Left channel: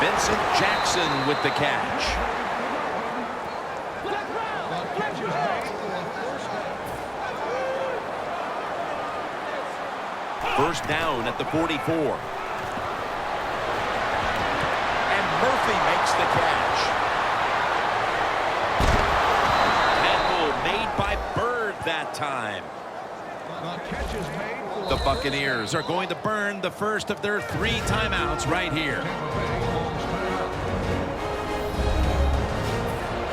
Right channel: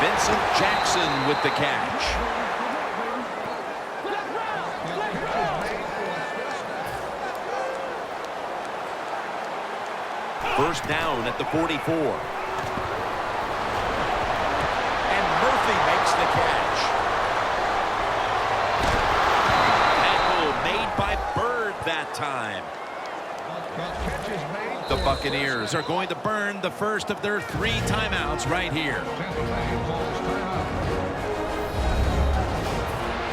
Vincent Jackson with the catch. First down at the 44. And Murphy makes the catch. Tackle made by Bird that time. The Buccaneers are going to burn the first of their 3 timeouts right here.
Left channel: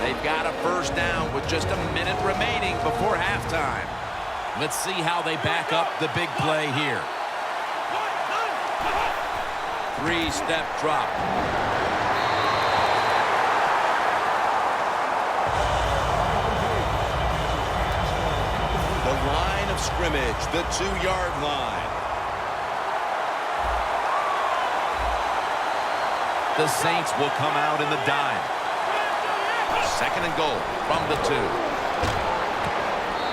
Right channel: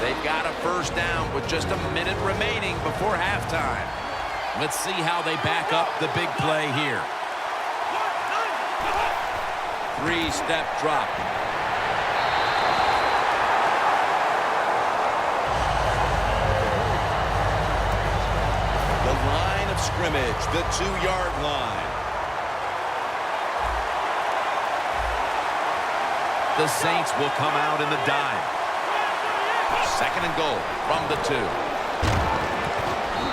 They've got a first down with just a minute remaining before halftime. Let's see how they back up the big play here. 3-step drop. The line of scrimmage, the 2-yard line. The Saints will come out in the dime. Second and goal from the 2.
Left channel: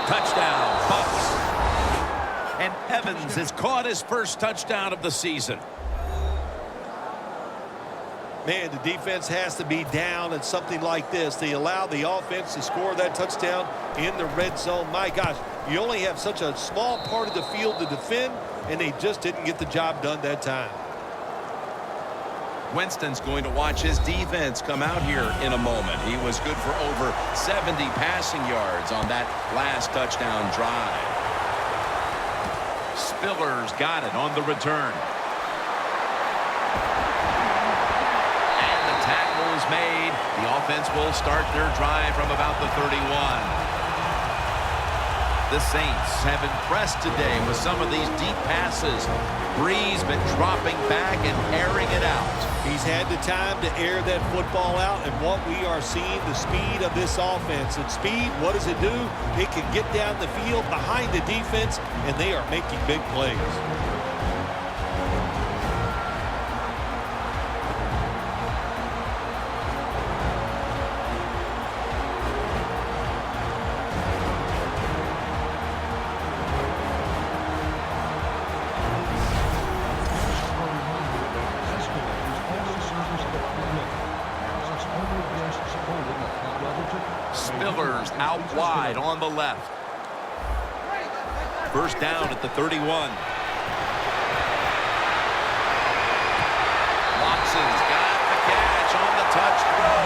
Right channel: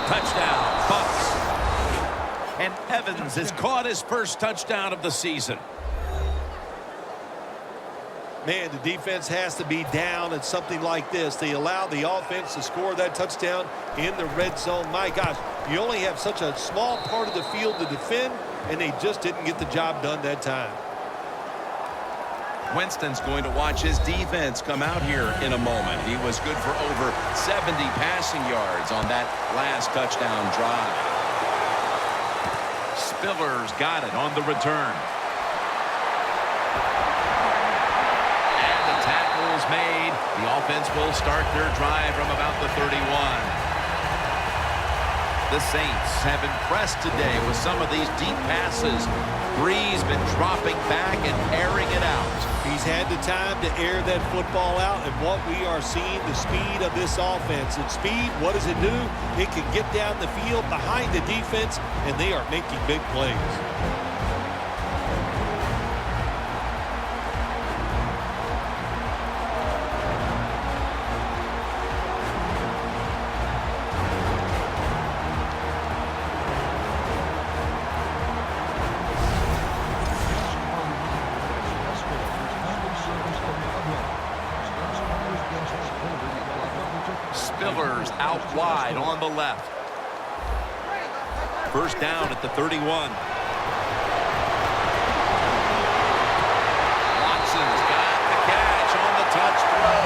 Touchdown, Bucs. And Evans has caught his first touchdown of the season. Man, the defense has to be down at something like this. They allow the offense to score that touchdown in the red zone. My gosh, you only have such a small part of the field to defend, and they just didn't get the job done that time. Winston's going to watch his defense come out here in a moment. He was good for over 70 passing yards on that last touchdown drive. Spiller's got it on the return. And the tackle's made. The offense will start their drive from about the 31. The Saints have impressed today with some of these deep passes. Breeze been dropping back and airing it out. He's had the time to air that football out, and what we are seeing, the speed of this offense. And speed, what does it do? It can get down the field behind the defense, and they are making big plays. Spiller's out wide on the left. First down at the 31. Watson's got the catch on the touch throw.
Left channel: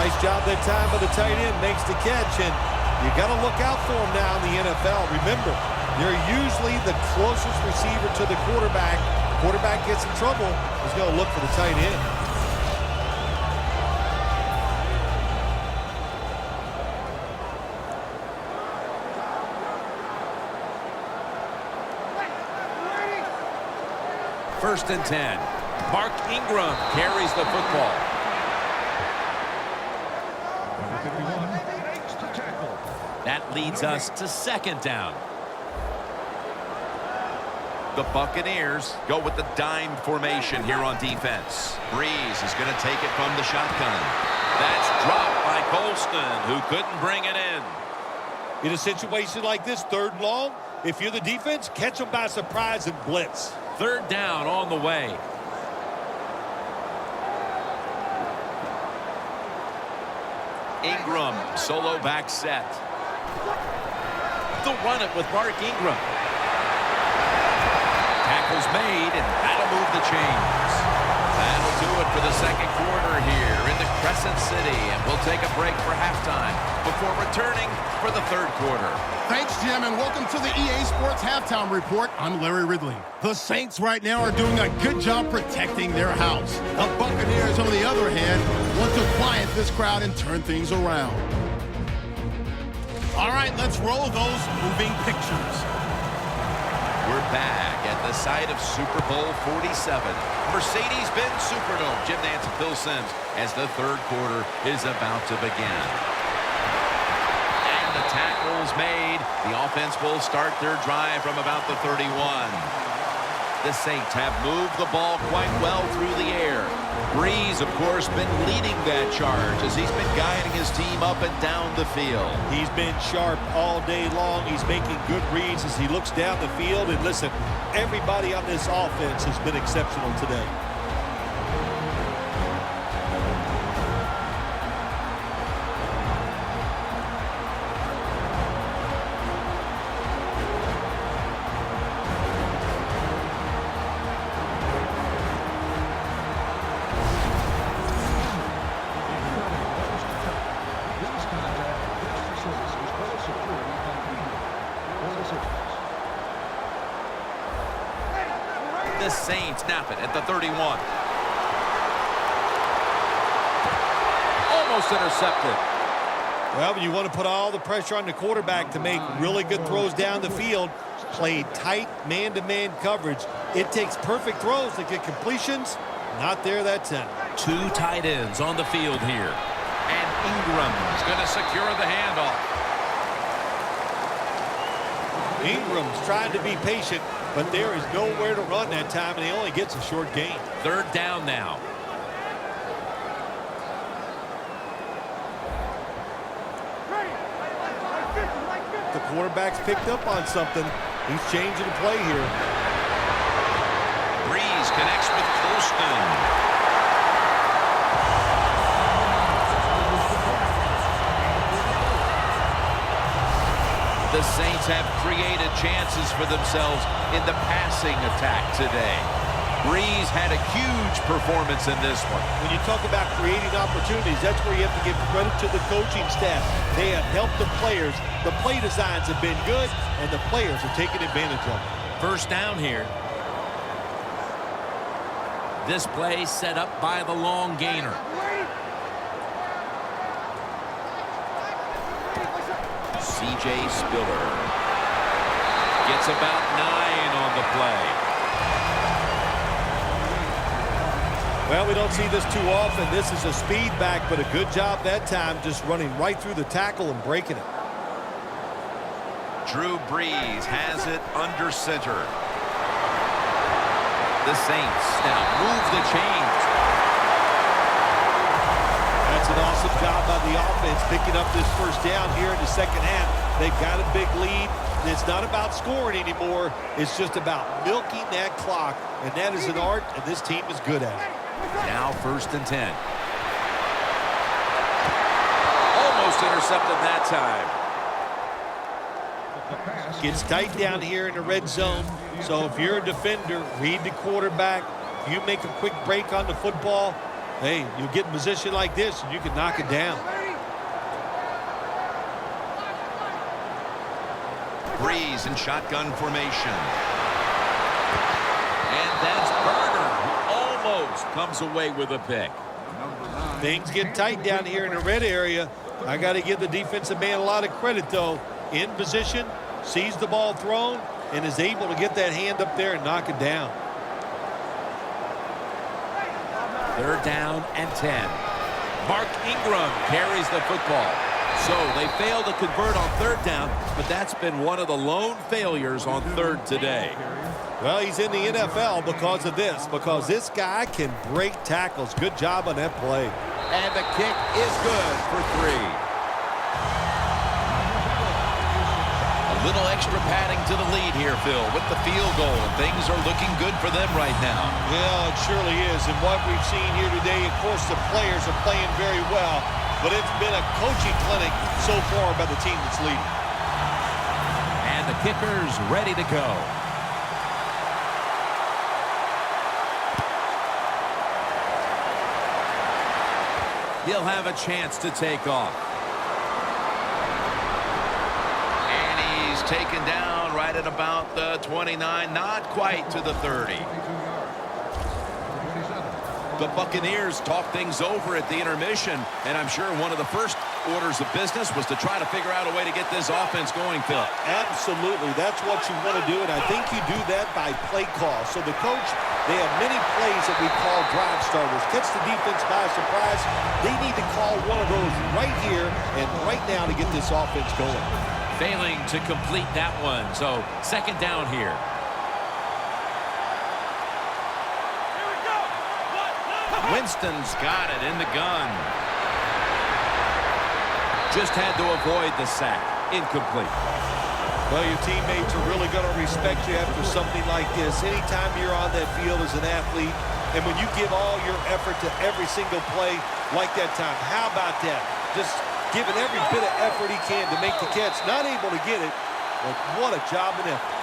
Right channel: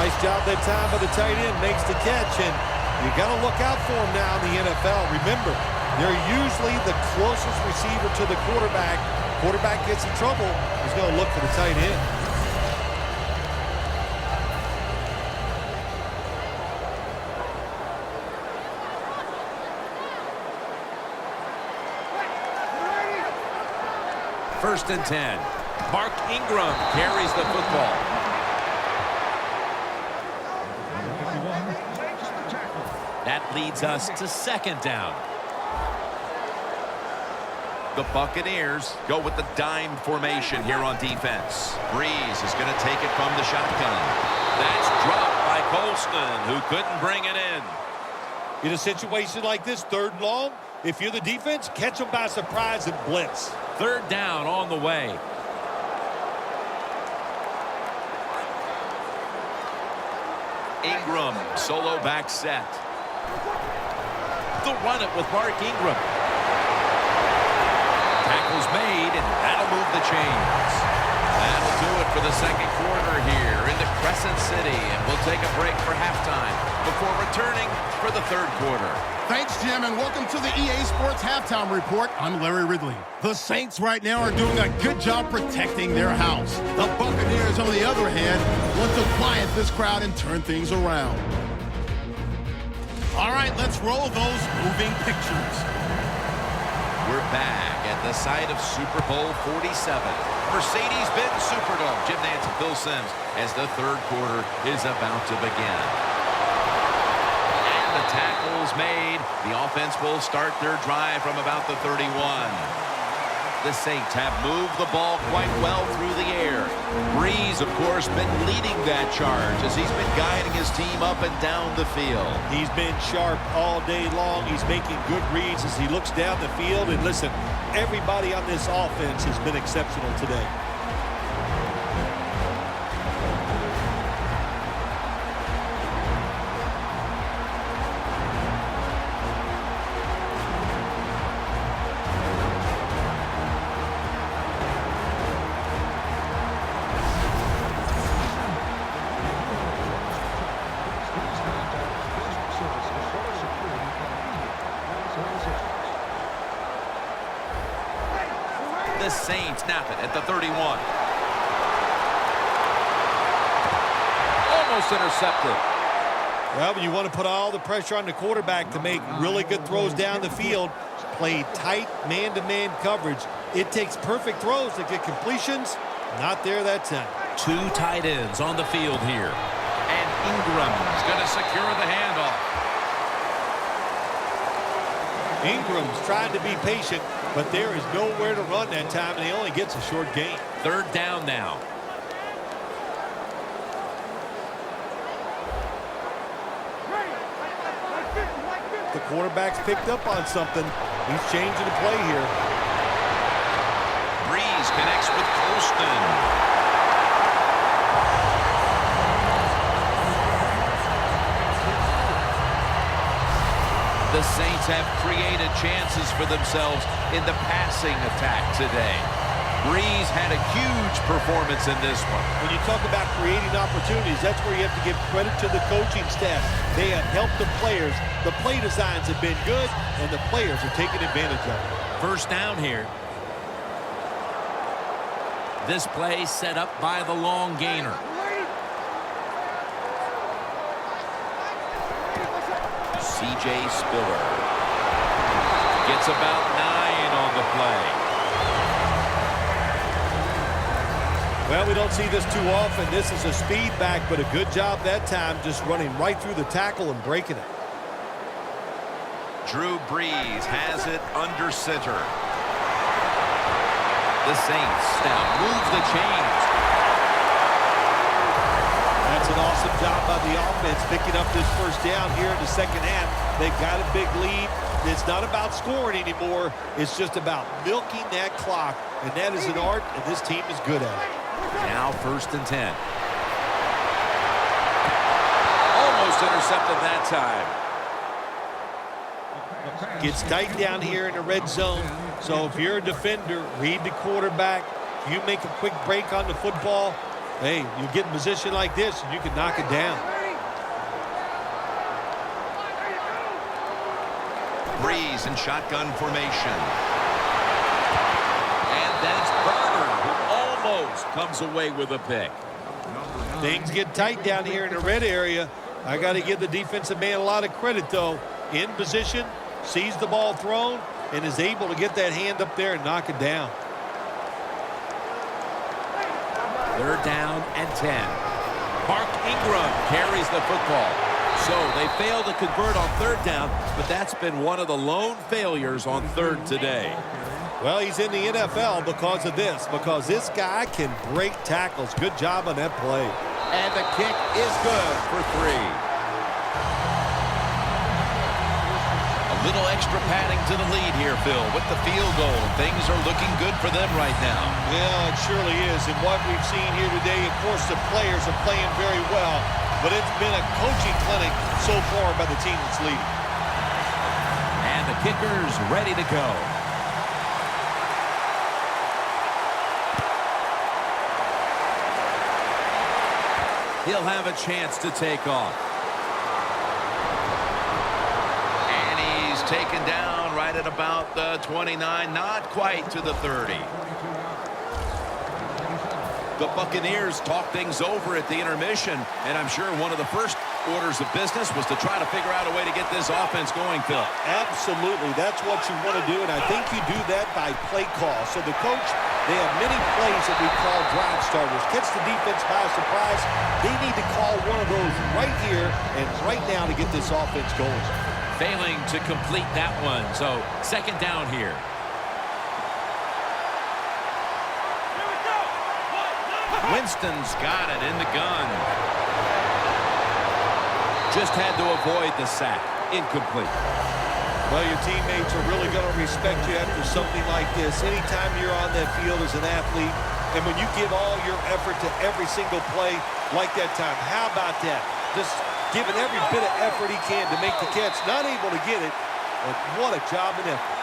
Nice job that time by the tight end. Makes the catch, and you got to look out for him now in the NFL. Remember, they're usually the closest receiver to the quarterback. Quarterback gets in trouble, he's going to look for the tight end. First and 10. Mark Ingram carries the football. That leads us to second down. The Buccaneers go with the dime formation here on defense. Breeze is going to take it from the shotgun. That's dropped by Colston, who couldn't bring it in. In a situation like this, 3rd and long, if you're the defense, catch them by surprise and blitz. Third down on the way. Ingram, solo back set. They'll run it with Mark Ingram. Tackle's made, and that'll move the chains. That'll do it for the second quarter here in the Crescent City, and we'll take a break for halftime before returning for the 3rd quarter. Thanks, Jim, and welcome to the EA Sports Halftime Report. I'm Larry Ridley. The Saints right now are doing a good job protecting their house. The Buccaneers, on the other hand, want to quiet this crowd and turn things around. All right, let's roll those moving pictures. We're back at the site of Super Bowl 47. Mercedes-Benz Superdome. Jim Nance and Phil Simms as the 3rd quarter is about to begin. And the tackle's made. The offense will start their drive from about the 31. The Saints have moved the ball quite well through the air. Breeze, of course, been leading that charge as he's been guiding his team up and down the field. He's been sharp all day long. He's making good reads as he looks down the field. And listen, everybody on this offense has been exceptional today. The Saints snap it at the 31. Almost intercepted. Well, you want to put all the pressure on the quarterback to make really good throws down the field. Play tight man-to-man coverage. It takes perfect throws to get completions. Not there that time. Two tight ends on the field here. And Ingram's going to secure the handoff. Ingram's trying to be patient, but there is nowhere to run that time, and he only gets a short gain. Third down now. The quarterback's picked up on something. He's changing the play here. Breeze connects with Colston. The Saints have created chances for themselves in the passing attack today. Breeze had a huge performance in this one. When you talk about creating opportunities, that's where you have to give credit to the coaching staff. They have helped the players. The play designs have been good, and the players are taking advantage of it. First down here. This play set up by the long gainer. C.J. Spiller gets about 9 on the play. Well, we don't see this too often. This is a speed back, but a good job that time just running right through the tackle and breaking it. Drew Brees has it under center. The Saints now move the chains. That's an awesome job by the offense picking up this first down here in the second half. They've got a big lead. It's not about scoring anymore. It's just about milking that clock, and that is an art, and this team is good at it. Now first and 10. Almost intercepted that time. Gets tight down here in the red zone. So if you're a defender, read the quarterback. If you make a quick break on the football, hey, you get in position like this, and you can knock it down. Breeze in shotgun formation. And that's Burner, who almost comes away with a pick. Things get tight down here in the red area. I got to give the defensive man a lot of credit, though. In position, sees the ball thrown, and is able to get that hand up there and knock it down. Third down and 10. Mark Ingram carries the football. So they failed to convert on third down, but that's been one of the lone failures on third today. Well, he's in the NFL because of this, because this guy can break tackles. Good job on that play. And the kick is good for 3. A little extra padding to the lead here, Phil, with the field goal, and things are looking good for them right now. Yeah, it surely is. And what we've seen here today, of course, the players are playing very well, but it's been a coaching clinic so far by the team that's leading. And the kicker's ready to go. He'll have a chance to take off. And he's taken down right at about the 29, not quite to the 30. The Buccaneers talk things over at the intermission, and I'm sure one of the first orders of business was to try to figure out a way to get this offense going, Phil. Absolutely. That's what you want to do, and I think you do that by play call. So the coach, they have many plays that we call drive starters. Catch the defense by surprise. They need to call one of those right here and right now to get this offense going. Failing to complete that one, so second down here. Winston's got it in the gun. Just had to avoid the sack. Incomplete. Well, your teammates are really going to respect you after something like this. Anytime you're on that field as an athlete, and when you give all your effort to every single play like that time, how about that? Just giving every bit of effort he can to make the catch. Not able to get it, but what a job and effort.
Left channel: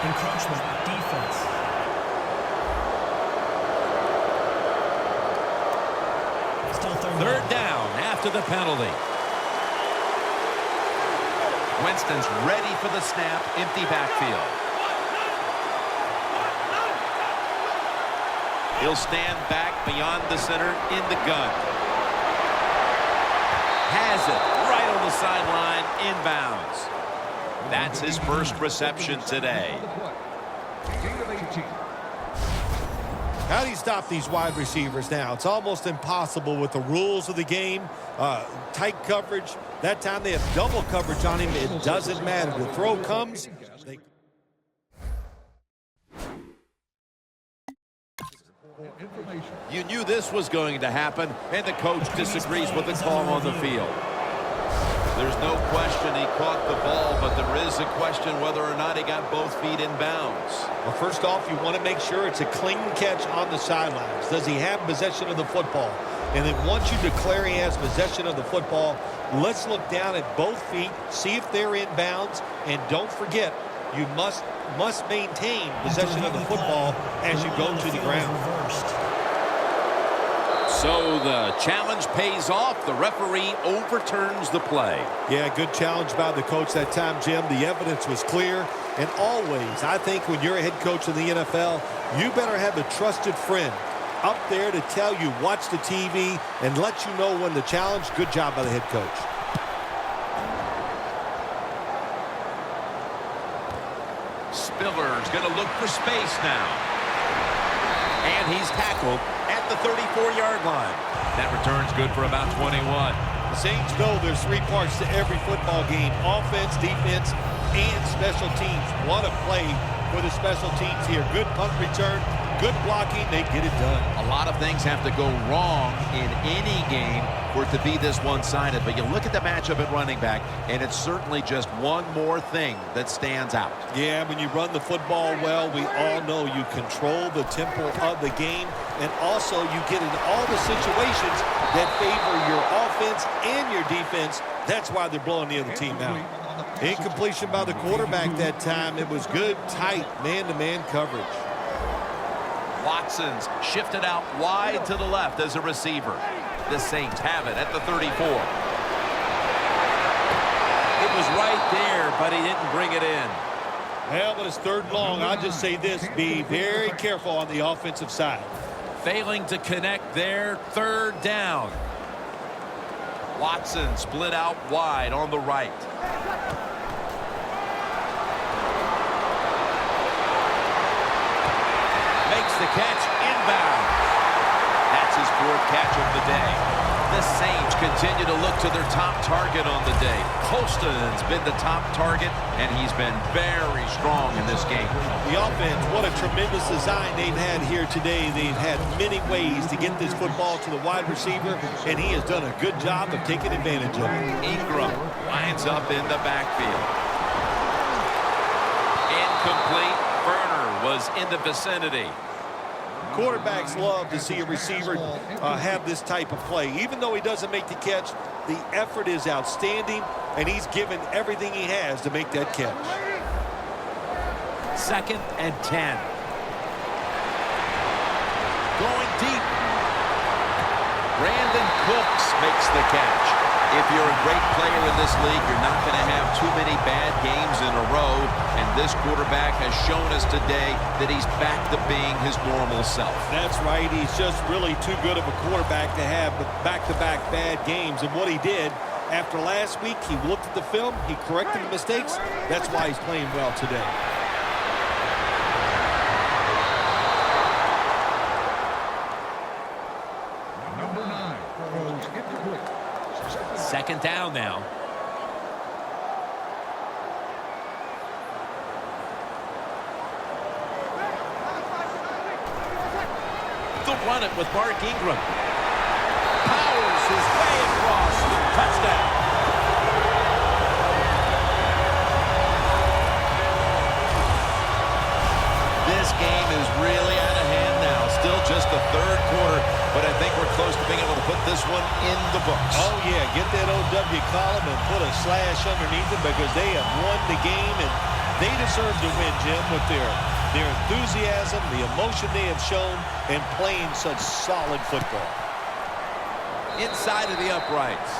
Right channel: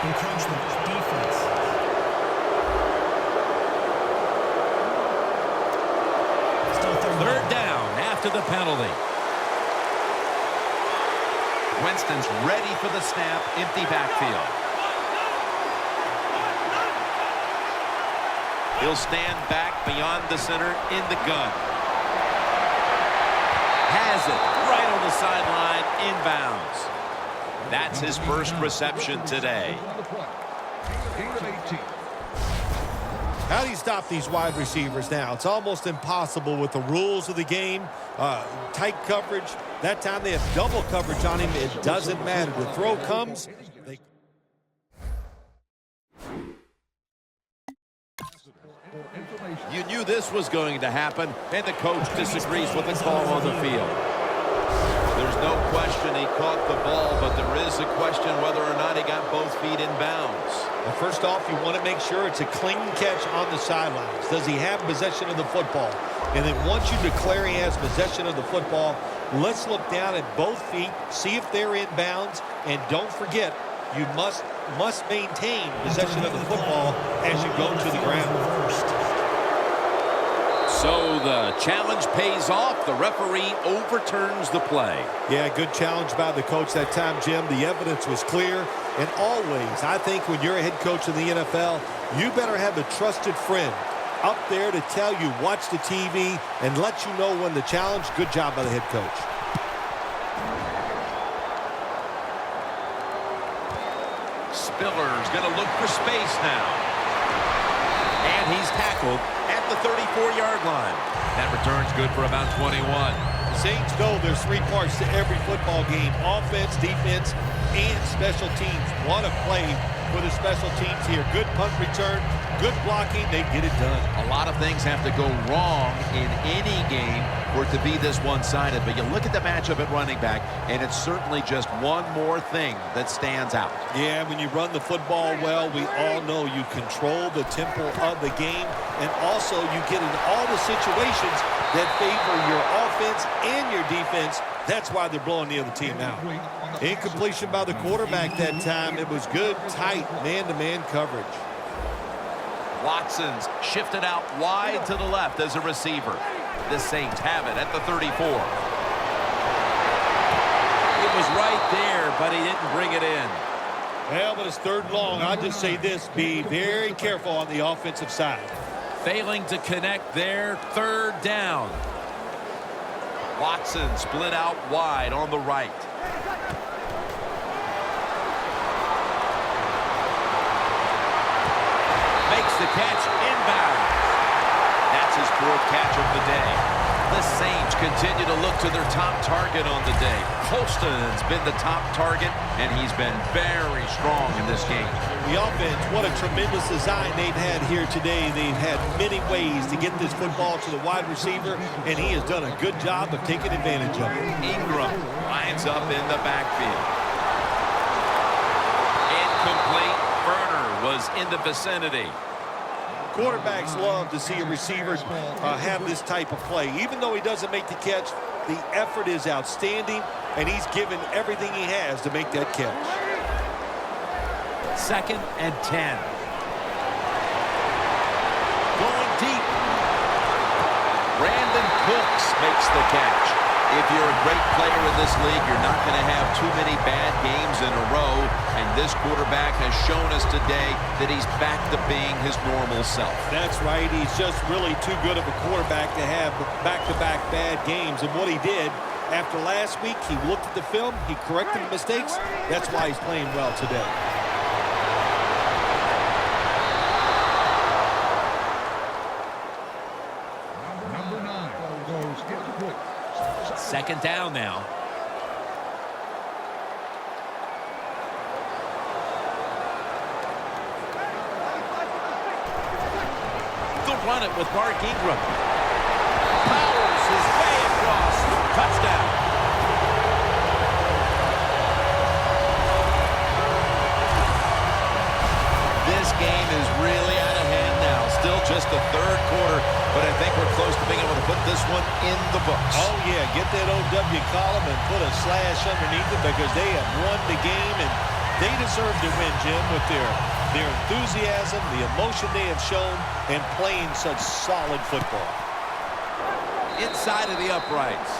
Encroachment, defense. Still third down after the penalty. Winston's ready for the snap. Empty backfield. He'll stand back beyond the center in the gun. Has it right on the sideline, inbounds. That's his first reception today. How do you stop these wide receivers now? It's almost impossible with the rules of the game. Tight coverage. That time they have double coverage on him. It doesn't matter. The throw comes. You knew this was going to happen, and the coach disagrees with the call on the field. There's no question he caught the ball, but there is a question whether or not he got both feet in bounds. Well, first off, you want to make sure it's a clean catch on the sidelines. Does he have possession of the football? And then once you declare he has possession of the football, let's look down at both feet, see if they're in bounds, and don't forget, you must maintain possession of the football as you go to the ground. So the challenge pays off. The referee overturns the play. Yeah, good challenge by the coach that time, Jim. The evidence was clear. And always, I think when you're a head coach in the NFL, you better have a trusted friend up there to tell you, watch the TV, and let you know when the challenge. Good job by the head coach. Spiller's going to look for space now. And he's tackled at the 34-yard line. That return's good for about 21. The Saints know there's three parts to every football game: offense, defense, and special teams. What a play for the special teams here. Good punt return, good blocking. They get it done. A lot of things have to go wrong in any game for it to be this one-sided. But you look at the matchup at running back, and it's certainly just one more thing that stands out. Yeah, when you run the football well, we all know you control the tempo of the game, and also you get in all the situations that favor your offense and your defense. That's why they're blowing the other team out. Incompletion by the quarterback that time. It was good, tight, man-to-man coverage. Watson's shifted out wide to the left as a receiver. The Saints have it at the 34. It was right there, but he didn't bring it in. Well, but it's third and long. I'll just say this: be very careful on the offensive side. Failing to connect there, third down. Watson split out wide on the right. Makes the catch, inbound. That's his fourth catch of the day. The Saints continue to look to their top target on the day. Colston's been the top target, and he's been very strong in this game. The offense, what a tremendous design they've had here today. They've had many ways to get this football to the wide receiver, and he has done a good job of taking advantage of it. Ingram lines up in the backfield. Incomplete. Burner was in the vicinity. Quarterbacks love to see a receiver have this type of play. Even though he doesn't make the catch, the effort is outstanding, and he's given everything he has to make that catch. 2nd and 10. Going deep. Brandon Cooks makes the catch. If you're a great player in this league, you're not going to have too many bad games in a row. And this quarterback has shown us today that he's back to being his normal self. That's right. He's just really too good of a quarterback to have back-to-back bad games. And what he did after last week, he looked at the film, he corrected the mistakes. That's why he's playing well today. Second down now. run it with Mark Ingram. Powers his way across. Touchdown. This game is really out of hand now. Still just the third quarter, but I think we're close to being able to put this one in the books. Oh, yeah. Get that OW column and put a slash underneath it because they have won the game, and they deserve to win, Jim, with their enthusiasm, the emotion they have shown, and playing such solid football. Inside of the uprights.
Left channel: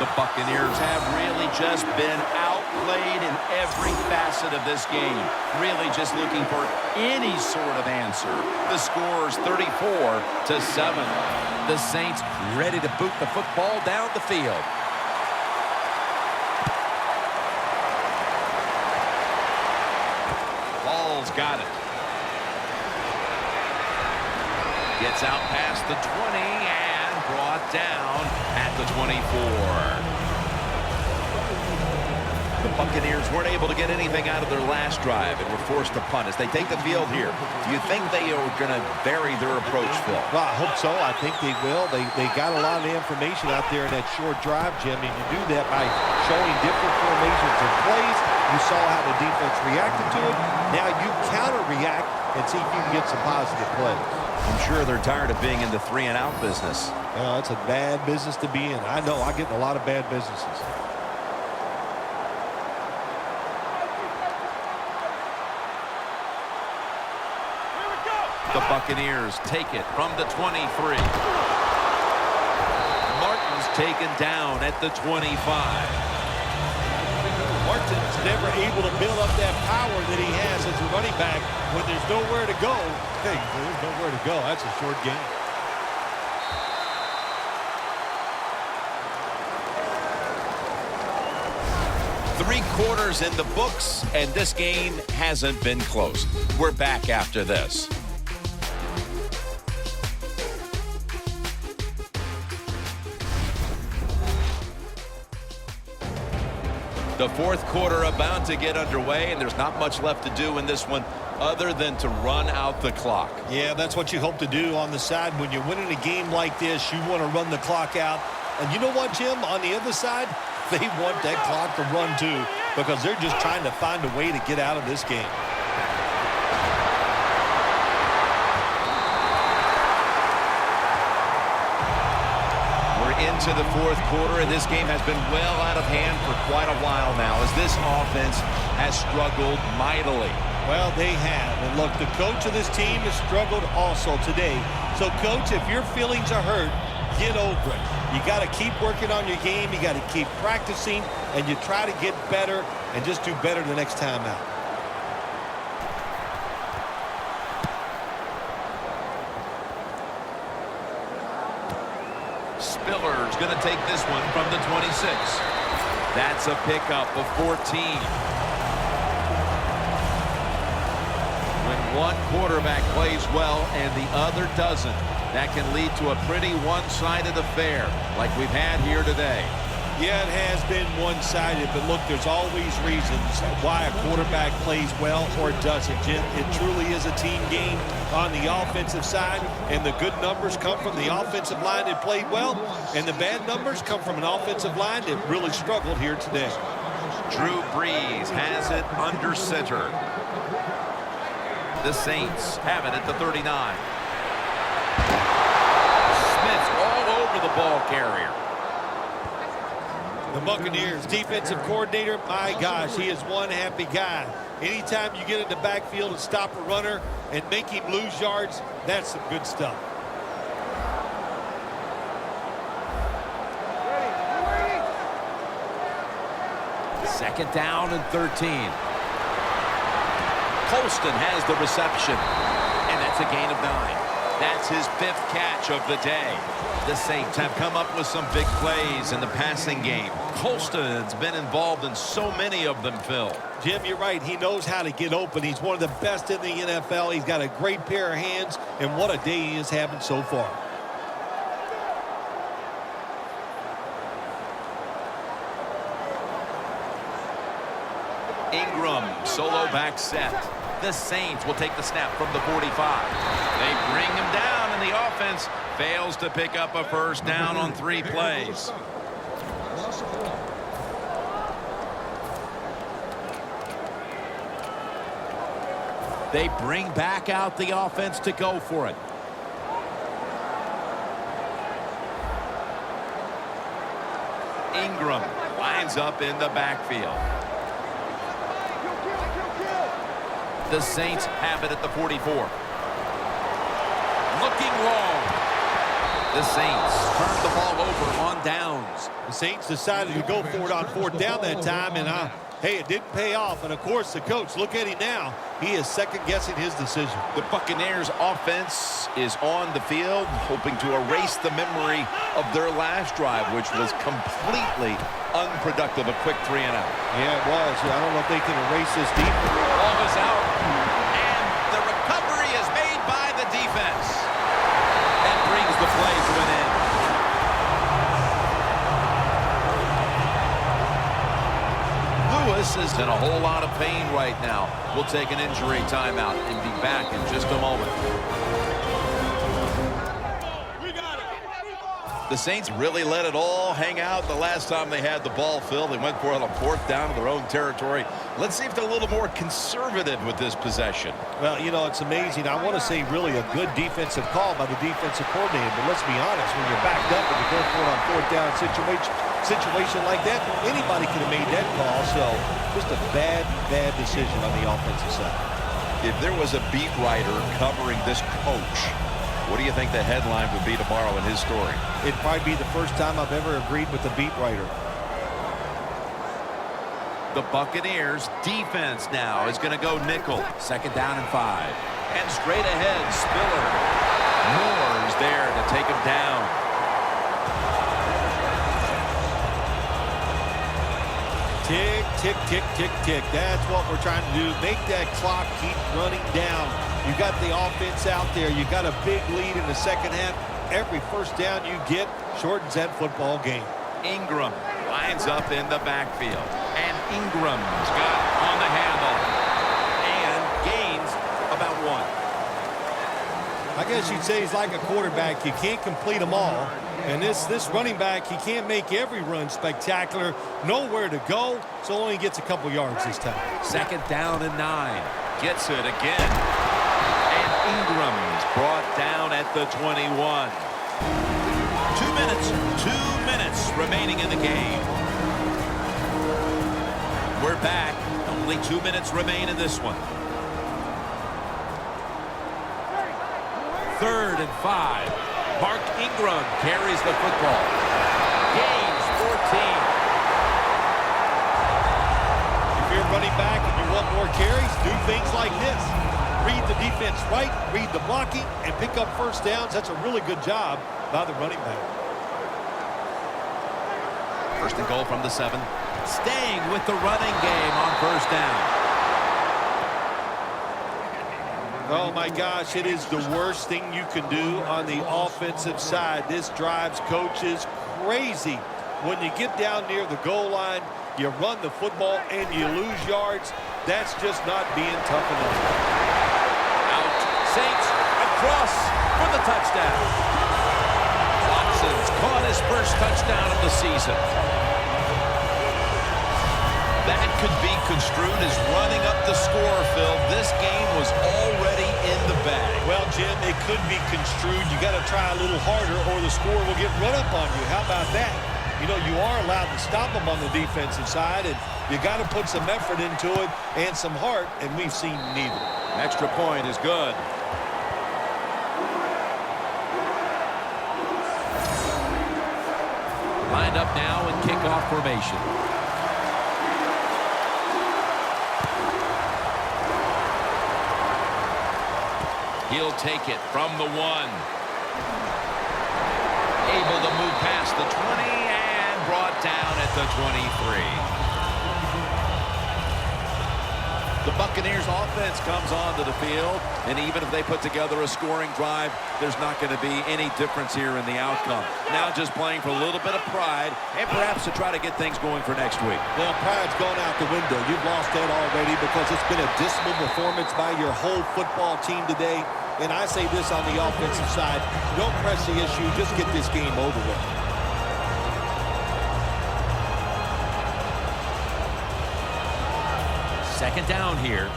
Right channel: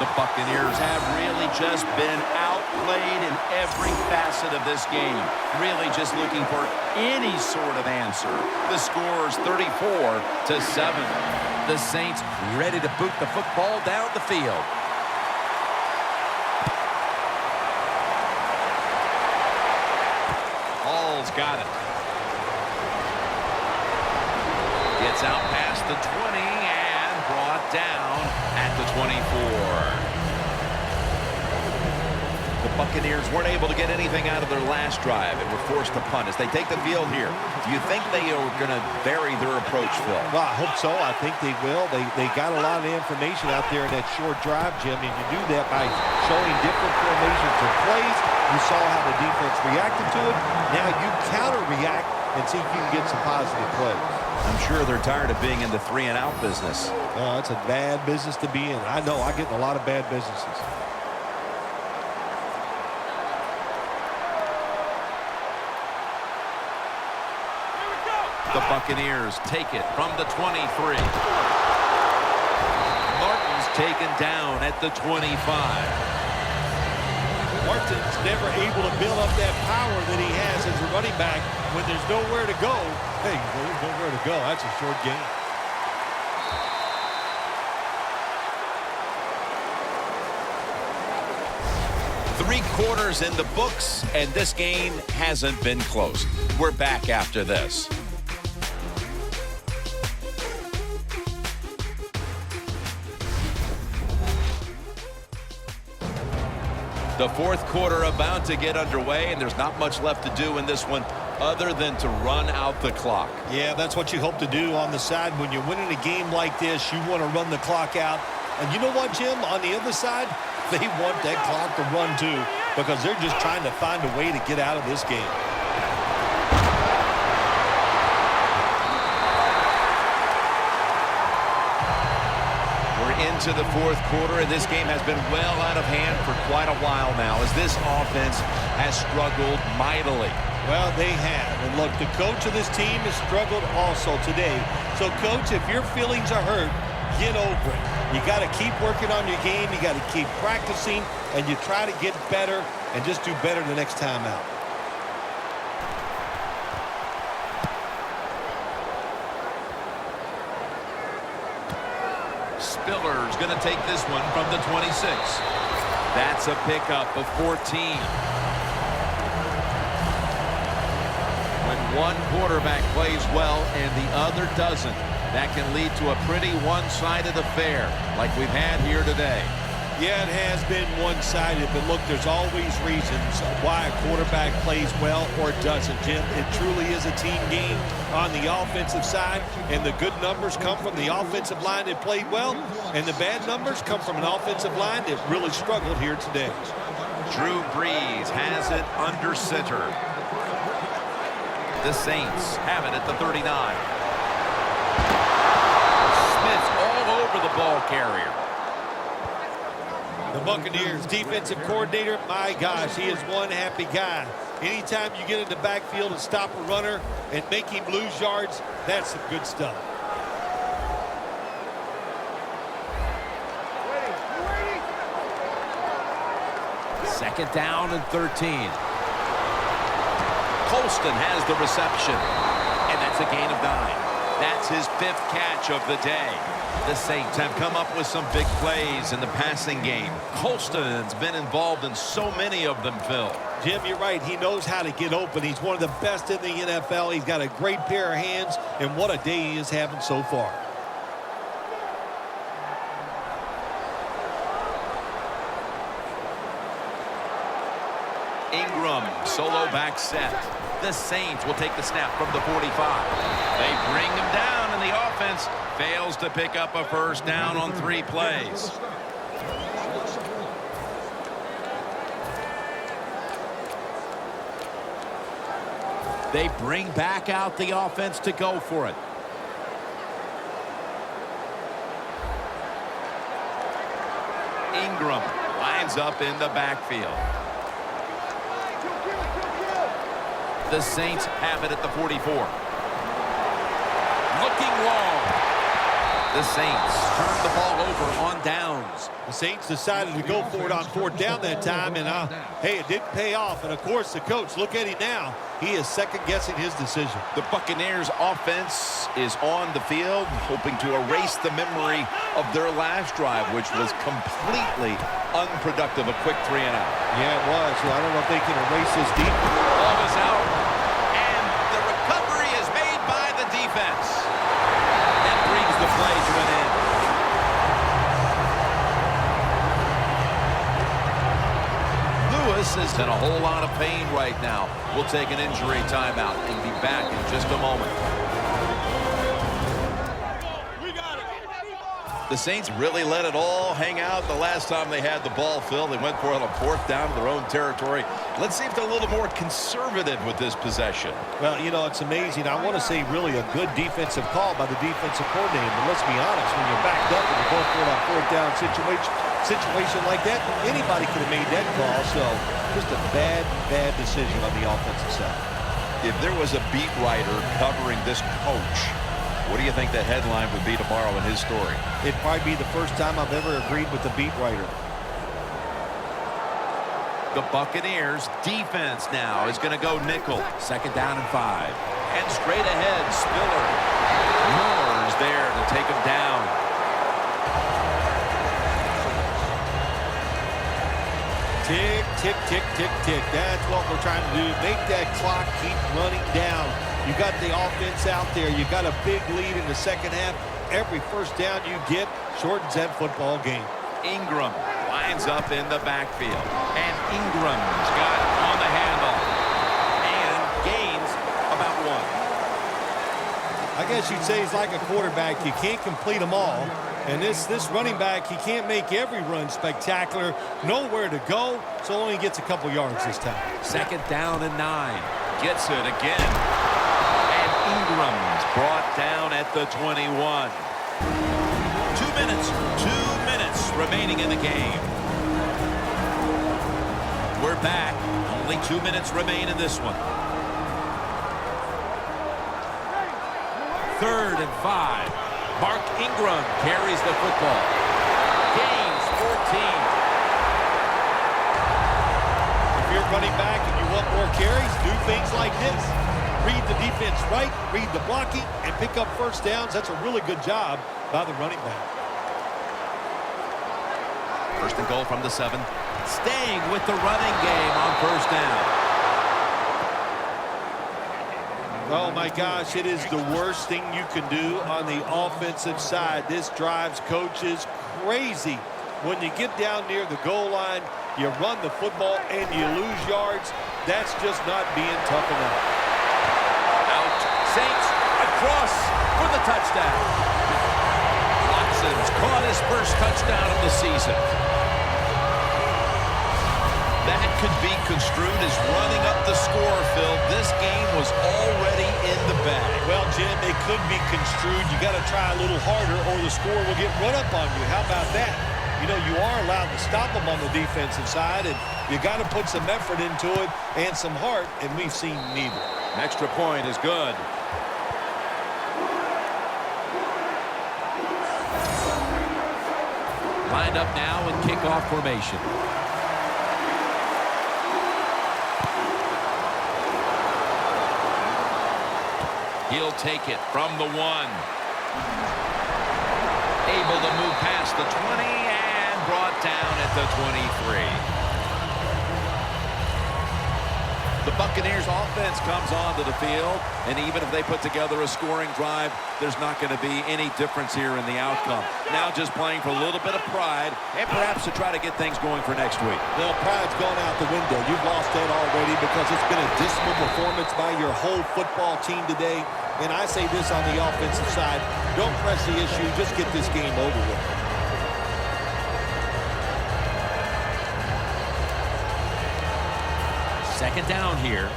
The Buccaneers have really just been outplayed in every facet of this game. Really just looking for any sort of answer. The score is 34-7. The Saints ready to boot the football down the field. Hall's got it. Gets out past the 20 and brought down at the 24. The Buccaneers weren't able to get anything out of their last drive and were forced to punt as they take the field here. Do you think they are going to vary their approach, Phil? Well, I hope so. I think they will. They got a lot of information out there in that short drive, Jim, and you do that by showing different formations and plays. You saw how the defense reacted to it. Now you counter-react and see if you can get some positive plays. I'm sure they're tired of being in the 3-and-out business. It's a bad business to be in. I know. I get in a lot of bad businesses. The Buccaneers take it from the 23. Martin's taken down at the 25. Martin's never able to build up that power that he has as a running back when there's nowhere to go. Hey, there's nowhere to go. That's a short game. Three quarters in the books, and this game hasn't been close. We're back after this. The fourth quarter about to get underway, and there's not much left to do in this one other than to run out the clock. Yeah, that's what you hope to do on the side. When you're winning a game like this, you want to run the clock out. And you know what, Jim? On the other side, they want that clock to run too because they're just trying to find a way to get out of this game. Into the fourth quarter, and this game has been well out of hand for quite a while now as this offense has struggled mightily. Well, they have. And look, the coach of this team has struggled also today. So, Coach, if your feelings are hurt, get over it. You got to keep working on your game. You got to keep practicing, and you try to get better and just do better the next time out. Spiller's going to take this one from the 26. That's a pickup of 14. When one quarterback plays well and the other doesn't, that can lead to a pretty one-sided affair like we've had here today. Yeah, it has been one-sided, but look, there's always reasons why a quarterback plays well or doesn't, Jim. It truly is a team game on the offensive side, and the good numbers come from the offensive line that played well, and the bad numbers come from an offensive line that really struggled here today. Drew Brees has it under center. The Saints have it at the 39. Smith's all over the ball carrier. The Buccaneers defensive coordinator, my gosh, he is one happy guy. Anytime you get in the backfield and stop a runner and make him lose yards, that's some good stuff. Ready. Second down and 13. Colston has the reception, and that's a gain of 9. That's his 5th catch of the day. The Saints have come up with some big plays in the passing game. Colston's been involved in so many of them, Phil. Jim, you're right. He knows how to get open. He's one of the best in the NFL. He's got a great pair of hands, and what a day he is having so far. Ingram, solo back set. The Saints will take the snap from the 45. They bring him down, and the offense fails to pick up a first down on 3 plays. They bring back out the offense to go for it. Ingram lines up in the backfield. The Saints have it at the 44. Looking long. The Saints turn the ball over on downs. The Saints decided to go for it on 4th down that time, and hey, it didn't pay off. And of course, the coach, look at him now. He is second-guessing his decision. The Buccaneers offense is on the field, hoping to erase the memory of their last drive, which was completely unproductive. A quick 3 and out. Yeah, it was. I don't know if they can erase this deep. Ball is out, and the recovery is made by the defense. That brings the play to an end. Lewis is in a whole lot of pain right now. We'll take an injury timeout and be back in just a moment. The Saints really let it all hang out the last time they had the ball, Phil. They went for it on 4th down to their own territory. Let's see if they're a little more conservative with this possession. Well, you know, it's amazing. I want to say really a good defensive call by the defensive coordinator. But let's be honest, when you're backed up and you're going for it on 4th down situation like that, anybody could have made that call. So just a bad decision on the offensive side. If there was a beat writer covering this coach, what do you think the headline would be tomorrow in his story? It'd probably be the first time I've ever agreed with the beat writer. The Buccaneers defense now is going to go nickel. 2nd down and 5. And straight ahead, Spiller. Moore's there to take him down. Tick, tick, tick, tick, tick. That's what we're trying to do. Make that clock keep running down. You got the offense out there. You got a big lead in the second half. Every first down you get shortens that football game. Ingram lines up in the backfield. And Ingram's got on the handle. And gains about 1. I guess you'd say he's like a quarterback. You can't complete them all. And this running back, he can't make every run spectacular. Nowhere to go, so only gets a couple yards this time. 2nd down and 9. Gets it again. And Ingram's brought down at the 21. 2 minutes remaining in the game. We're back. Only 2 minutes remain in this one. 3rd and 5. Mark Ingram carries the football. Gains 14. If you're running back and you want more carries, do things like this. Read the defense right, read the blocking, and pick up first downs. That's a really good job by the running back. 1st and goal from the 7. Staying with the running game on 1st down. Oh, my gosh, it is the worst thing you can do on the offensive side. This drives coaches crazy. When you get down near the goal line, you run the football and you lose yards. That's just not being tough enough. Out. Saints across for the touchdown. Watson's caught his first touchdown of the season. That could be construed as running up the score, Phil. This game was already in the bag. Well, Jim, it could be construed. You got to try a little harder or the score will get run up on you. How about that? You know, you are allowed to stop them on the defensive side, and you got to put some effort into it and some heart, and we've seen neither. An extra point is good. Lined up now in kickoff formation. He'll take it from the 1. Able to move past the 20 and brought down at the 23. The Buccaneers offense comes onto the field, and even if they put together a scoring drive, there's not going to be any difference here in the outcome. Now just playing for a little bit of pride and perhaps to try to get things going for next week. Well, pride's gone out the window. You've lost that already because it's been a dismal performance by your whole football team today. And I say this on the offensive side, don't press the issue, just get this game over with. Second down here.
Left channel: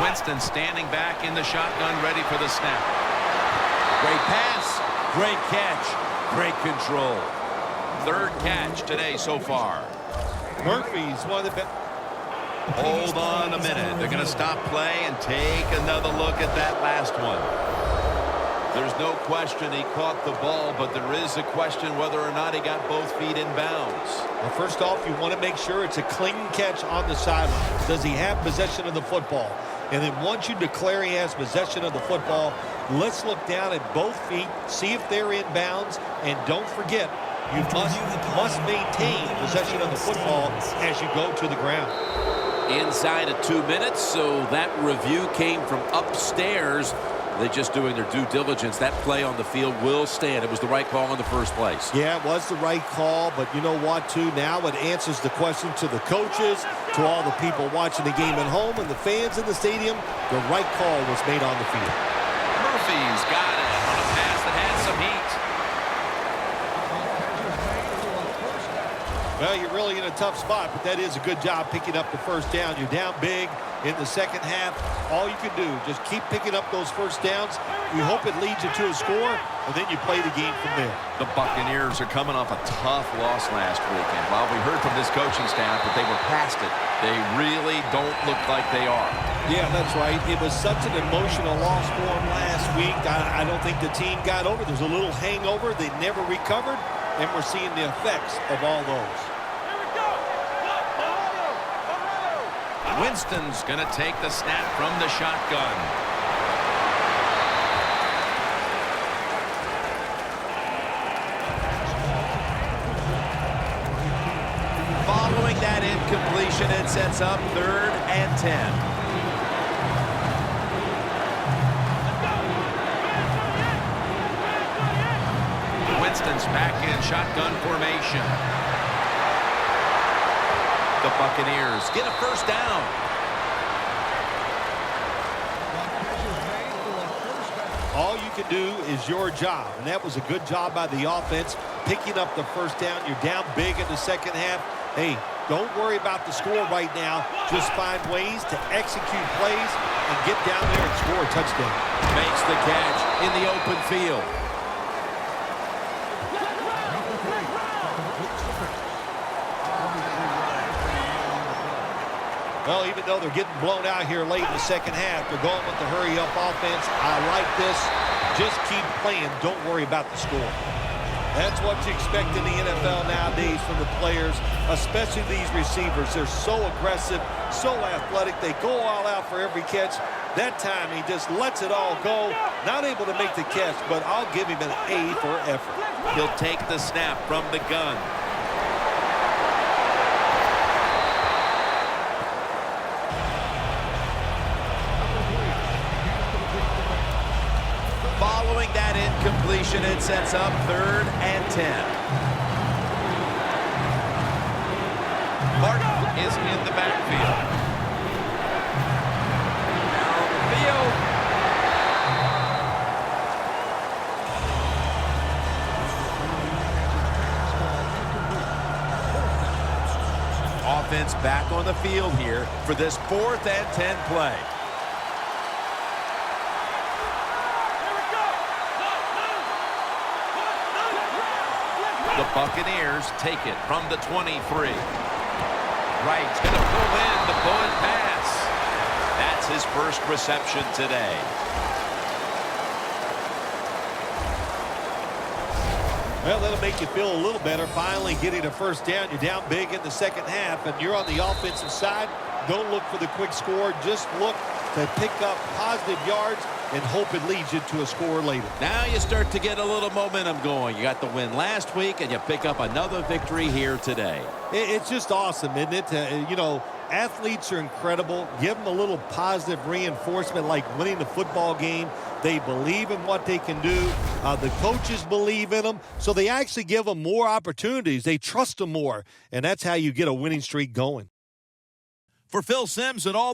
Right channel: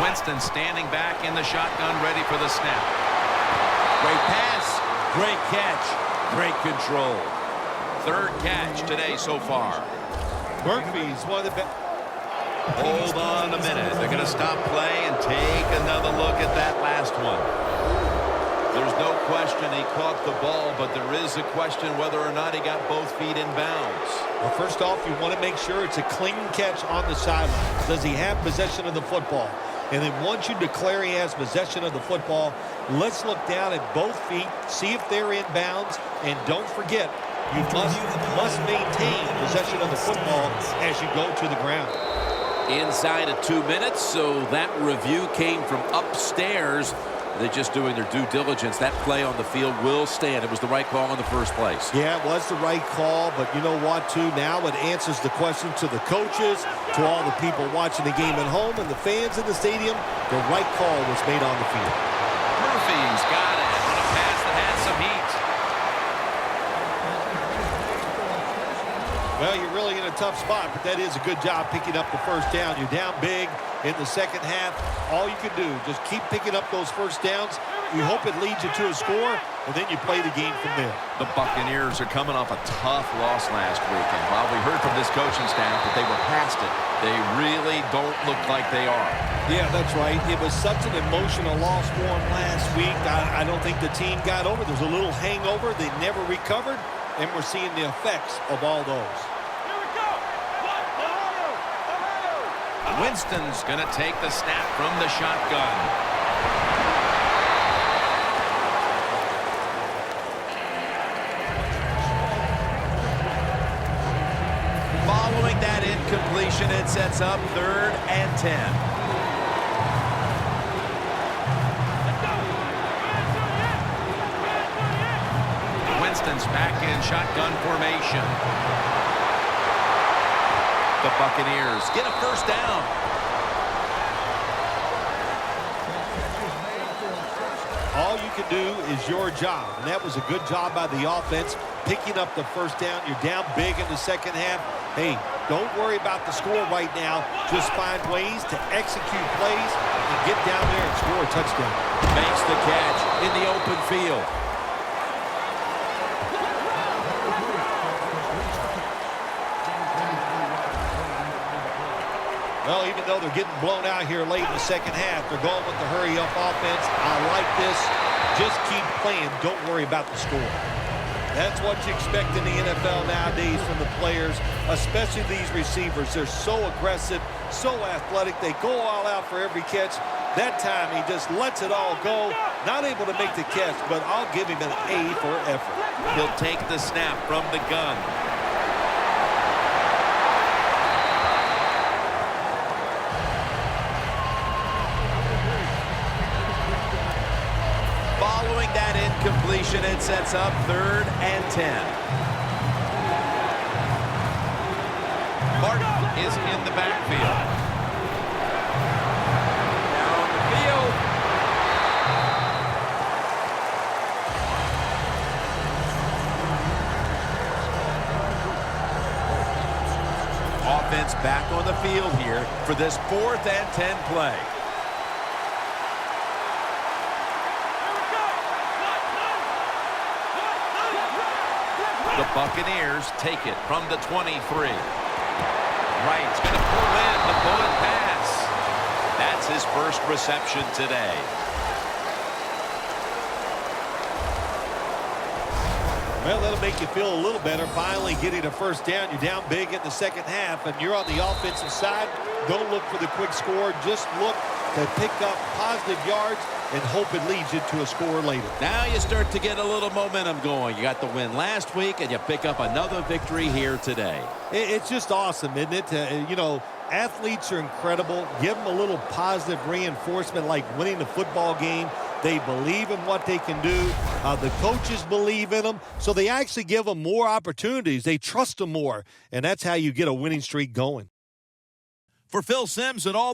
Winston standing back in the shotgun, ready for the snap. Great pass, great catch, great control. Third catch today so far. Murphy's one of the best. Hold on a minute. They're going to stop play and take another look at that last one. There's no question he caught the ball, but there is a question whether or not he got both feet in bounds. Well, first off, you want to make sure it's a clean catch on the sideline. Does he have possession of the football? And then once you declare he has possession of the football, let's look down at both feet, see if they're in bounds, and don't forget, you must maintain possession of the football as you go to the ground. Inside of 2 minutes, so that review came from upstairs. They're just doing their due diligence. That play on the field will stand. It was the right call in the first place. Yeah, it was the right call, but you know what, too? Now it answers the question to the coaches, to all the people watching the game at home, and the fans in the stadium. The right call was made on the field. Murphy's got it on a pass that had some heat. Well, you're really in a tough spot, but that is a good job picking up the first down. You're down big in the second half. All you can do, just keep picking up those first downs. You hope it leads you to a score, and then you play the game from there. The Buccaneers are coming off a tough loss last weekend. While we heard from this coaching staff that they were past it, they really don't look like they are. Yeah, that's right. It was such an emotional loss for them last week. I don't think the team got over. There's a little hangover. They never recovered, and we're seeing the effects of all those. Winston's going to take the snap from the shotgun. Following that incompletion, it sets up 3rd and 10. Winston's back in shotgun formation. The Buccaneers get a first down. All you can do is your job, and that was a good job by the offense, picking up the first down. You're down big in the second half. Hey, don't worry about the score right now. Just find ways to execute plays and get down there and score a touchdown. Makes the catch in the open field. Well, even though they're getting blown out here late in the second half, they're going with the hurry-up offense. I like this. Just keep playing. Don't worry about the score. That's what you expect in the NFL nowadays from the players, especially these receivers. They're so aggressive, so athletic. They go all out for every catch. That time, he just lets it all go. Not able to make the catch, but I'll give him an A for effort. He'll take the snap from the gun. Following that incompletion, it sets up 3rd and 10. Martin is in the backfield. Down on the field. Offense back on the field here for this 4th and 10 play. The Buccaneers take it from the 23. Wright's going to pull in the bullet pass. That's his first reception today. Well, that'll make you feel a little better. Finally getting a first down. You're down big in the second half, and you're on the offensive side. Don't look for the quick score. Just look to pick up positive yards and hope it leads you to a score later. Now you start to get a little momentum going. You got the win last week, and you pick up another victory here today. It's just awesome, isn't it? You know, athletes are incredible. Give them a little positive reinforcement like winning the football game. They believe in what they can do. The coaches believe in them, so they actually give them more opportunities. They trust them more, and that's how you get a winning streak going. For Phil Simms and all